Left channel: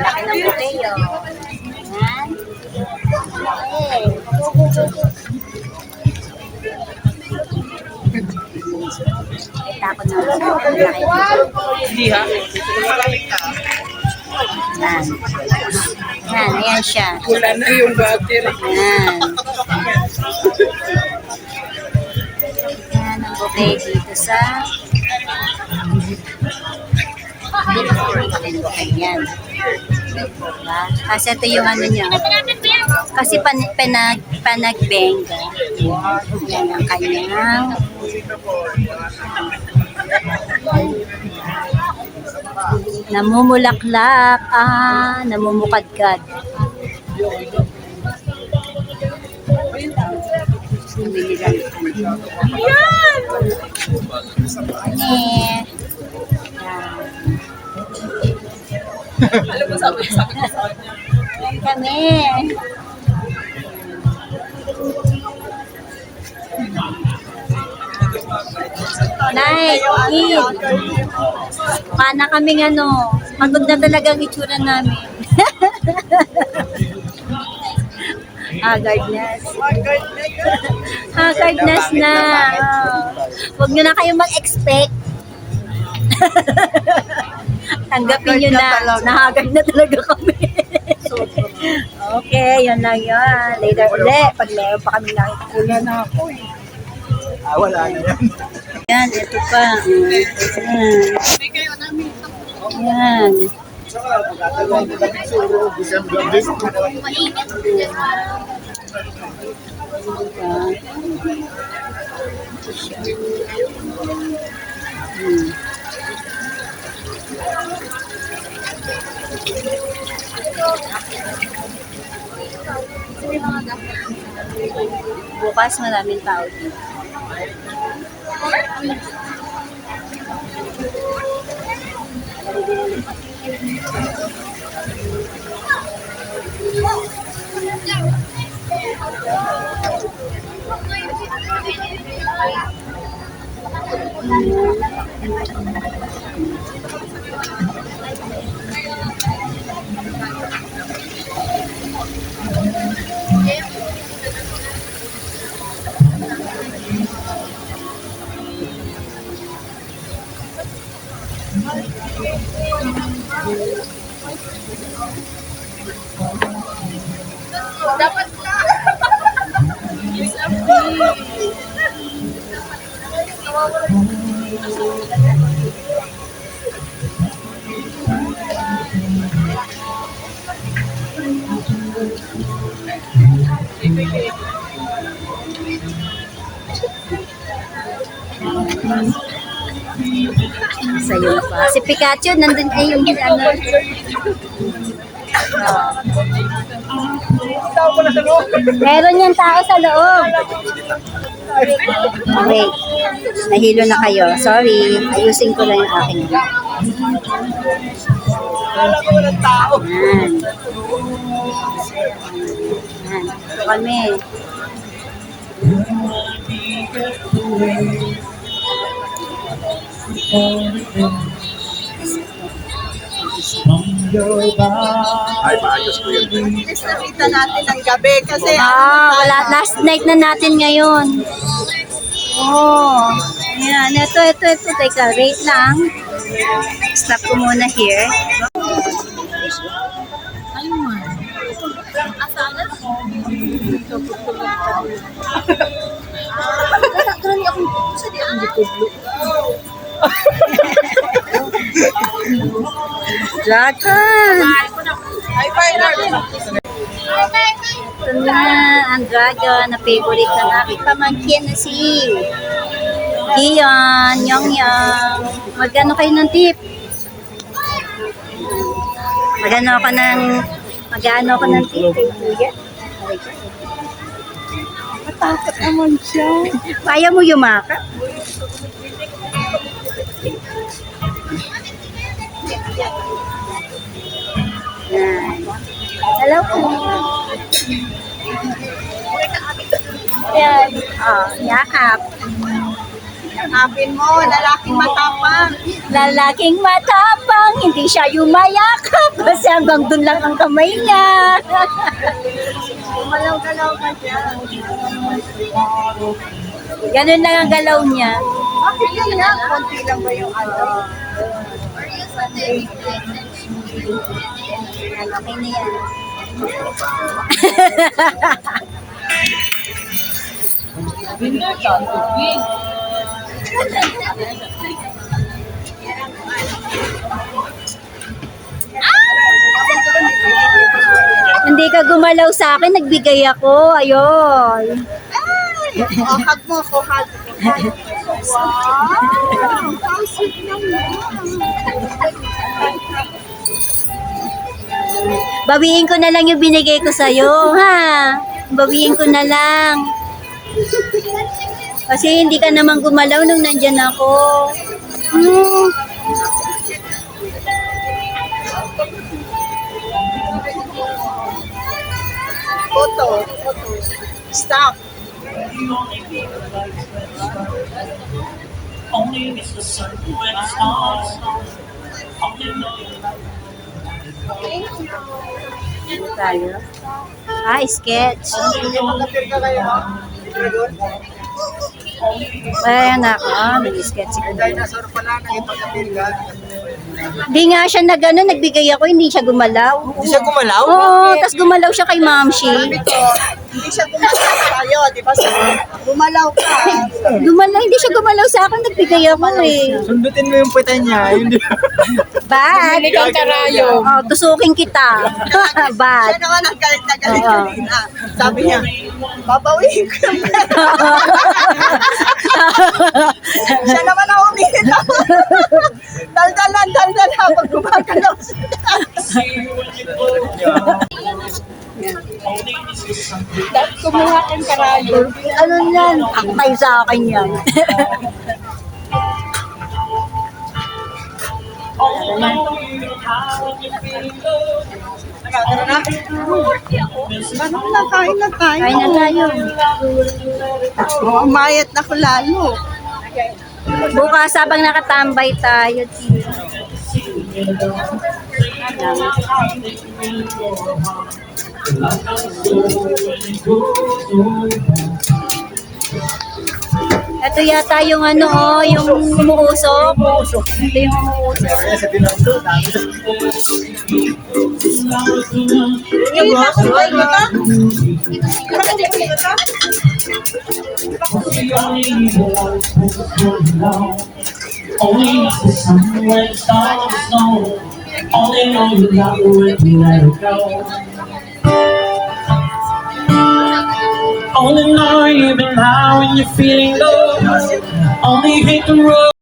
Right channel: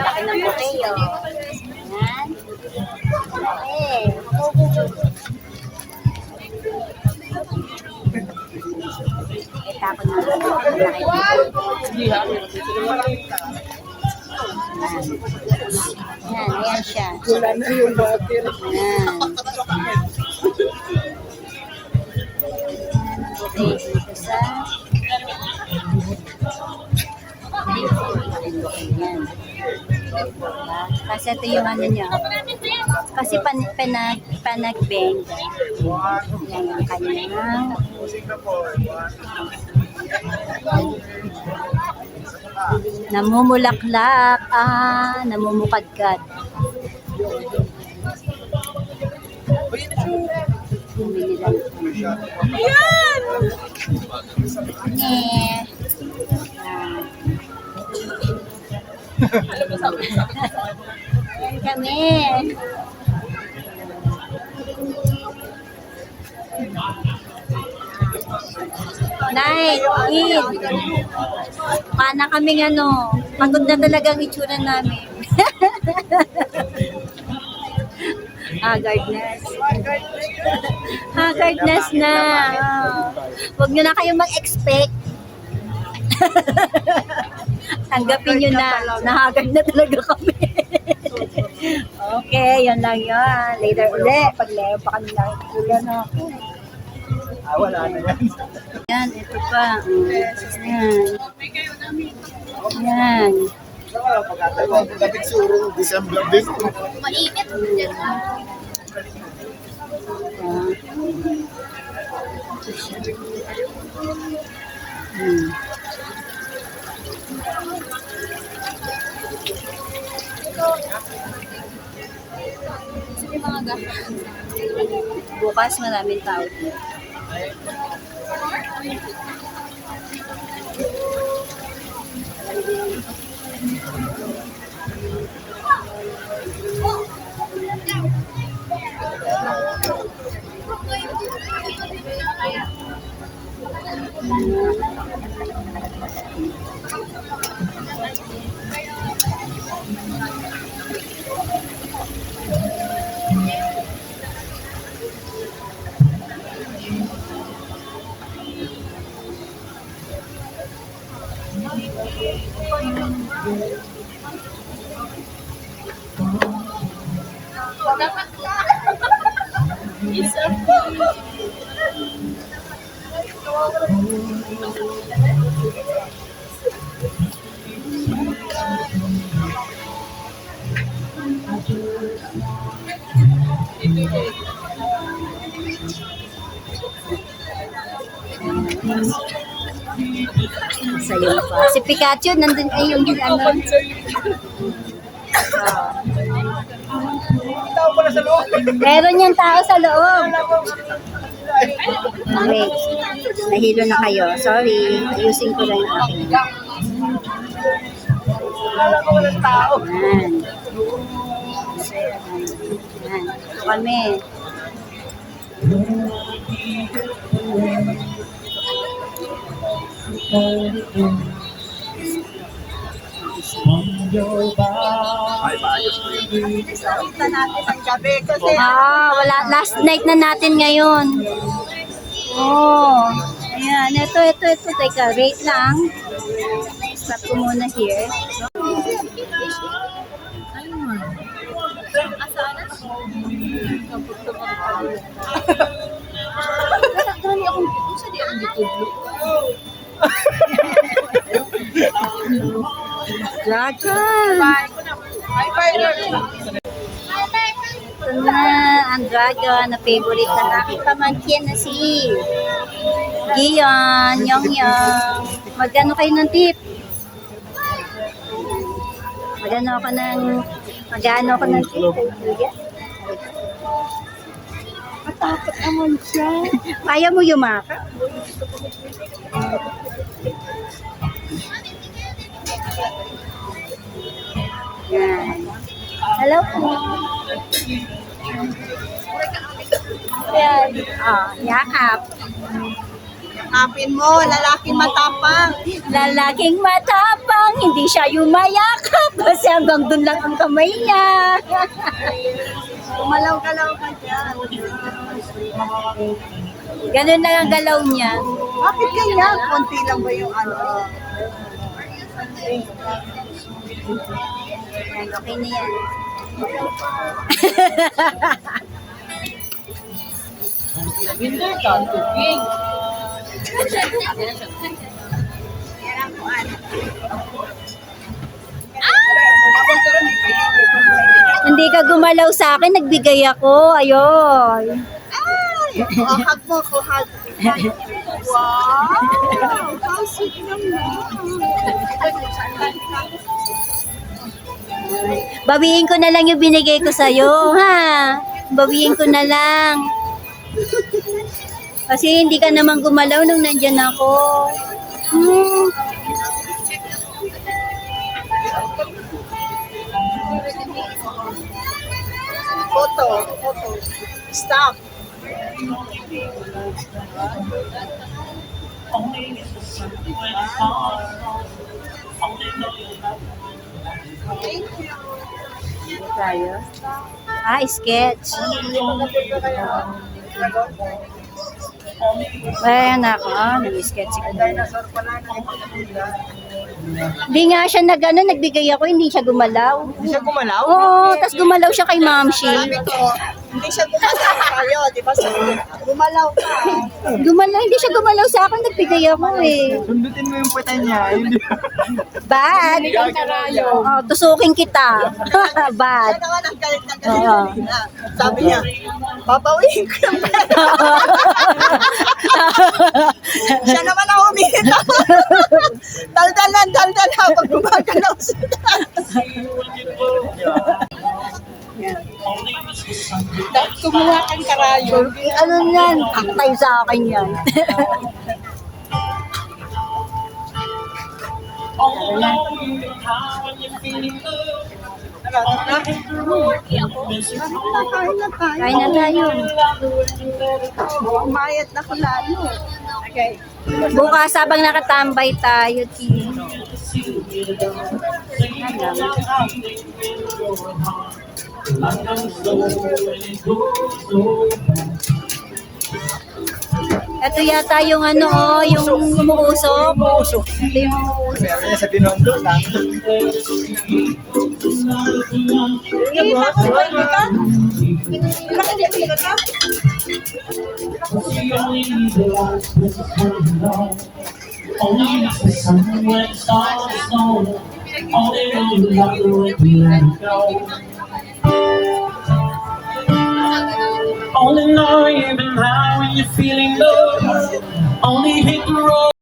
Laki ng potato. Yan. Takot na. Laki. Hindi ha? Yan. Yan, ayan siya. Wala na yung battery. Yan. Yan ang bouquet dito sa dito po rin bouquet yan. Diba? Kasi ito yung ano niya. Kasi panagbenga. Yan ang kanyang namumulaklak, namumukadkad. Bumili lang. Ayan! Yan. Alam mo, sabi ko sa kanya. Kami. Nay, pana kaming ano, pagod na talaga ang itsura namin. Haggardness. Haggardness na. Huwag nyo na kayong mag-expect. Tanggapin nyo na. Nahagard na talaga kami. Okay, yun lang yun. Later ulit. Pag meron pa kami lang. Wala na ako eh. Wala na yan. Yan, ito pa. Yan. Hindi kayo namin. Yan. Bukas maraming tao dito. Dapat ka! It's a free! Sa'yo pa. Si Pikachu, nandun ay yung ano. Meron yung tao sa loob. Wait. Nahilo na kayo. Sorry. Ayusin ko lang yung aking. Yan. Yan. Ito kami. Ay, maayos ko yun. Nakita natin ang gabi kasi Last night na natin ngayon. Oh. Ayan. Ito. Teka, wait lang. Stop ko muna here. Gani akong sa di ang YouTube. Dragon! Ay, partner! Ito na ang dragon na favorite ng aking pamangkin na si Gion, Yong. Magkano kayo ng tip? Magkano ako ng tip kay Kuya? Matakot naman siya. Kaya mo yumaka? Yan. Hello po. Ayan. Oh, yakap. Yakapin mo, lalaking matapang. Lalaking matapang, hindi siya yumayakap. Kasi hanggang dun lang ang kamay niya. Malaw-galaw ka dyan. Ganun lang ang galaw niya. Bakit yan? Konti lang ba yung ano? Ayan, okay na yan. Hindi ka gumalaw sa akin, nagbigay ako. Ayun. Oh, hug mo ako, hug. Wow! Ang sweet naman. Bawiin ko na lang yung binigay ko sa'yo, ha? Bawiin ko na lang. Kasi hindi ka naman gumalaw nung nandyan ako. Hmm. Photo. Stop. Tayo. Sketch. Magkapit na kayo. Dragon. Ayan ako, nag-sketch ko. Dinosaur pala, nakipagkapit ka. Hindi nga siya nagbigay ako, hindi siya gumalaw. Hindi siya gumalaw? Oo, tas gumalaw siya kay Mamshi. Sabi ko, hindi siya gumalaw tayo, di ba? Gumalaw ka. Hindi siya gumalaw sa akin, nagbigay ako eh. Sundutin mo yung puta niya. Hindi. Bad. Ikaw karayo. Oh, tusukin kita. Bad. Siya naman ang galit na galit Oo. kanina. Sabi niya, babawiin ko yung siya naman ang umihinit ako. Daldal habang gumagalaw siya. Dahil kumuha kang karayo. Ano yan? Aktay sa akin yan. Tara na. Ganun na, kain na tayo. Kain na tayo. Umayat na ko lalo. Bukas habang nakatambay tayo, Tio. Ito yata yung ano, yung umuusok. Ito yung umuusok. Only miss the sun when it starts to snow. Only know you love her when you let her go. Only know you've been high when you're feeling low. Only hit the road.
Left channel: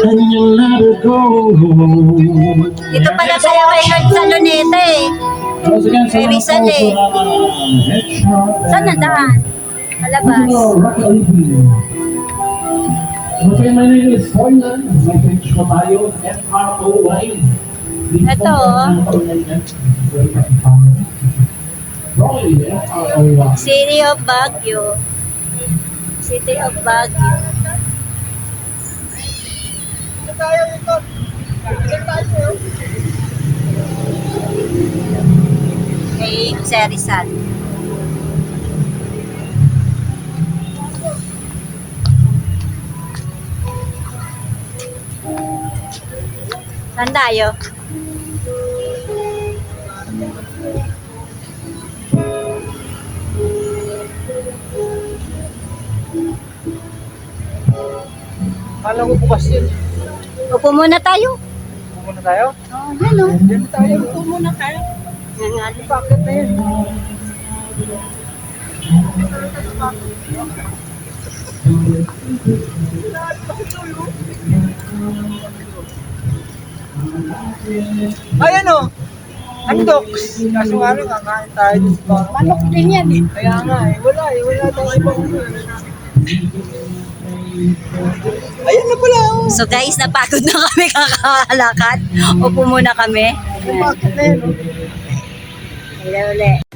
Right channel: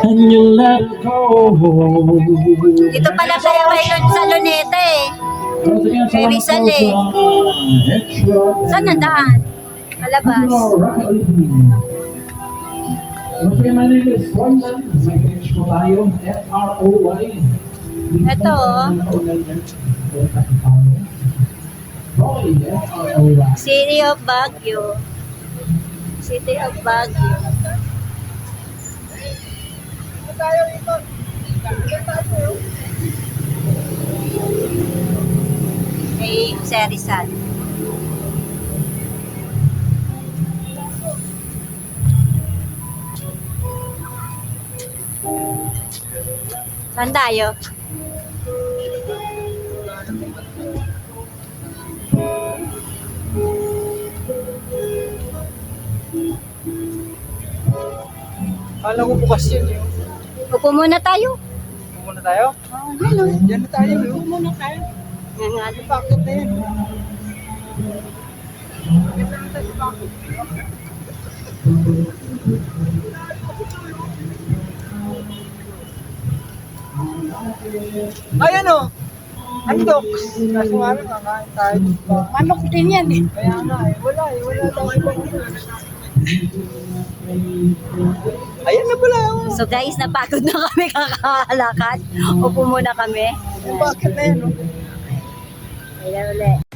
And you let her go. Dito pala kayo sa Luneta eh. Once again, Kay Rizal eh. Saan na daan? Malabas. Okay, my name is Froylan. May French ko tayo, F-R-O-Y. Ito, oh. Roy, F-R-O-Y. City of Baguio. City of Baguio. Kay Jose Rizal. Saan tayo? Kala ko bukas yun. Upo muna tayo. Muna tayo? Oh, yan o. Diyan na tayo. Ito muna tayo. Yan nga. Bakit na yan? Ayan o! Antok! Kaso nga lang, kakain tayo dito. Manok din yan eh. Kaya nga eh, wala tayong ibang Ayun na pala oh. So guys, napagod na kami kakalakad. Upo muna kami. Bakit na yan oh? Ayan ulit.